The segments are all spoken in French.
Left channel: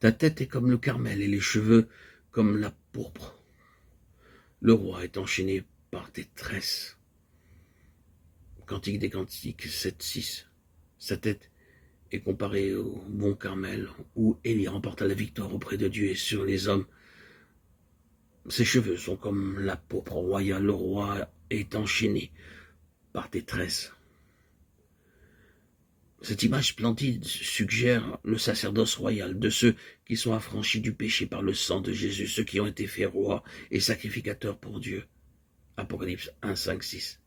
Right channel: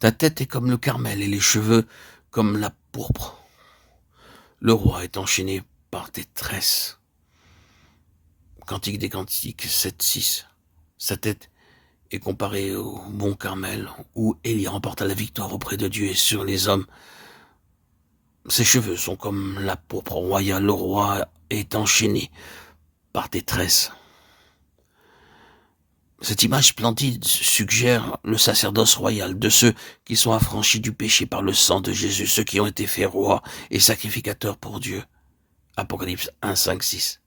Ta tête est comme le Carmel et les cheveux comme la pourpre. Le roi est enchaîné par tes tresses. Cantique des Cantiques 7-6. Sa tête est comparée au mont Carmel, où Élie remporta la victoire auprès de Dieu et sur les hommes. Ses cheveux sont comme la pourpre royale. Le roi est enchaîné par tes tresses. Cette image splendide suggère le sacerdoce royal de ceux qui sont affranchis du péché par le sang de Jésus, ceux qui ont été faits rois et sacrificateurs pour Dieu. Apocalypse 1, 5, 6.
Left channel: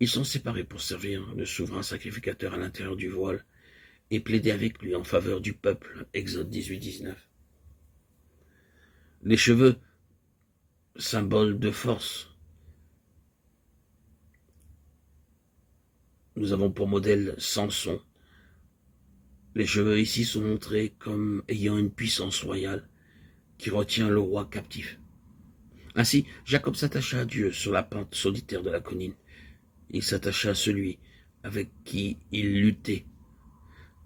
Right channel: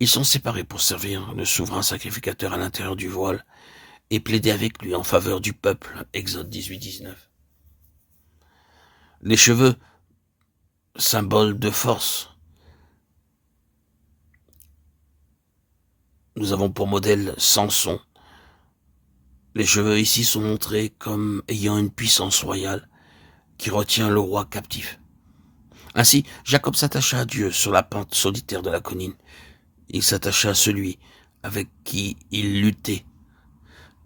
Ils sont séparés pour servir le souverain sacrificateur à l'intérieur du voile et plaider avec lui en faveur du peuple. Exode 18, 19. Les cheveux, symbole de force. Nous avons pour modèle Samson. Les cheveux ici sont montrés comme ayant une puissance royale qui retient le roi captif. Ainsi, Jacob s'attacha à Dieu sur la pente solitaire de la colline. Il s'attacha à celui avec qui il luttait.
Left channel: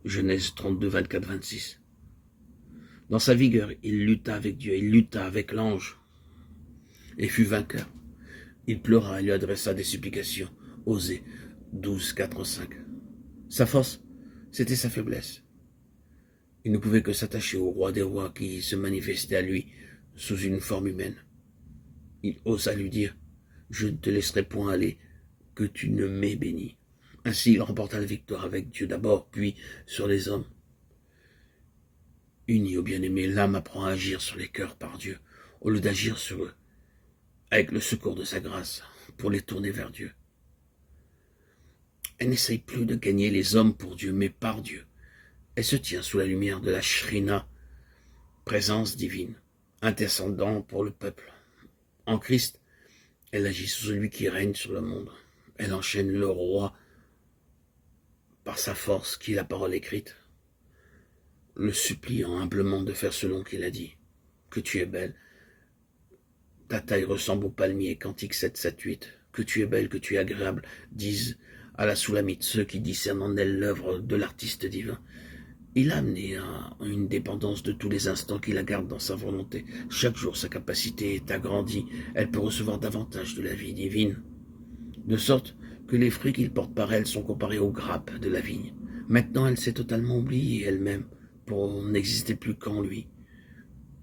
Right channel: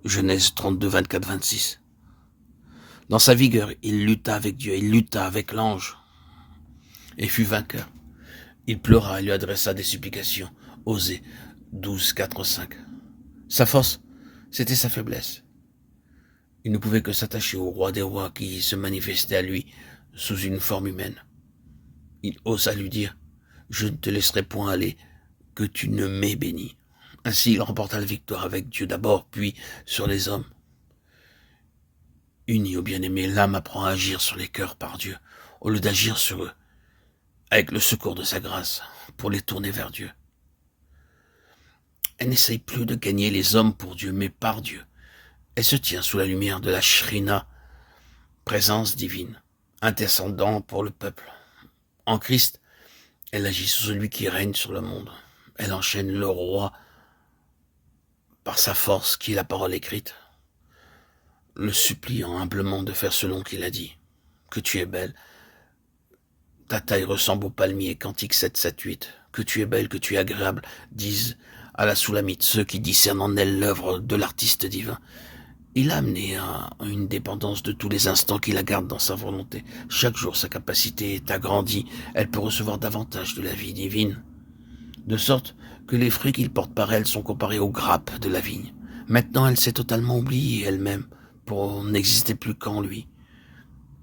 Genèse 32, 24, 26. Dans sa vigueur, il lutta avec Dieu, il lutta avec l'ange et fut vainqueur. Il pleura et lui adressa des supplications. Osée 12, 4, 5. Sa force, c'était sa faiblesse. Il ne pouvait que s'attacher au roi des rois qui se manifestait à lui sous une forme humaine. Il osa lui dire « Je ne te laisserai point aller, que tu ne m'aies béni. » Ainsi, il remporta la victoire avec Dieu d'abord, puis sur les hommes. Unis au bien-aimé, l'âme apprend à agir sur les cœurs par Dieu, au lieu d'agir sur eux, avec le secours de sa grâce, pour les tourner vers Dieu. Elle n'essaye plus de gagner les hommes pour Dieu, mais par Dieu. Elle se tient sous la lumière de la Shrina, présence divine, intercédant pour le peuple. En Christ, elle agit sur celui qui règne sur le monde. Elle enchaîne le roi par sa force qui est la parole écrite, le suppliant humblement de faire selon qu'il a dit. Que tu es belle, ta taille ressemble au palmier, Cantique 7, 7, 8. Que tu es belle, que tu es agréable, disent à la Soulamite ceux qui discernent en elle l'œuvre de l'artiste divin. Il a amené à une dépendance de tous les instants qui la garde dans sa volonté. Chaque jour, sa capacité est agrandie. Elle peut recevoir davantage de la vie divine, de sorte que les fruits qu'il porte par elle sont comparés aux grappes de la vigne. Maintenant, elle s'est totalement oubliée elle-même pour n'exister plus qu'en lui.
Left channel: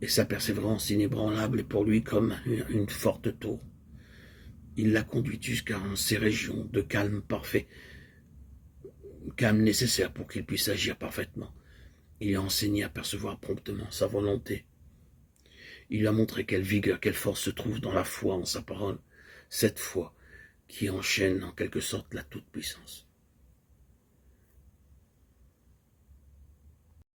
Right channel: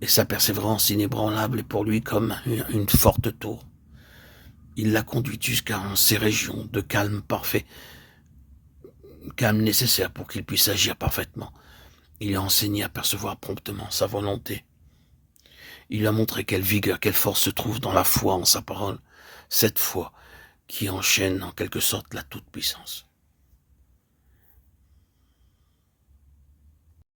Et sa persévérance inébranlable est pour lui comme une forte tour. Il l'a conduite jusqu'à ces régions de calme parfait, calme nécessaire pour qu'il puisse agir parfaitement. Il lui a enseigné à percevoir promptement sa volonté. Il lui a montré quelle vigueur, quelle force se trouve dans la foi en sa parole, cette foi qui enchaîne en quelque sorte la toute-puissance.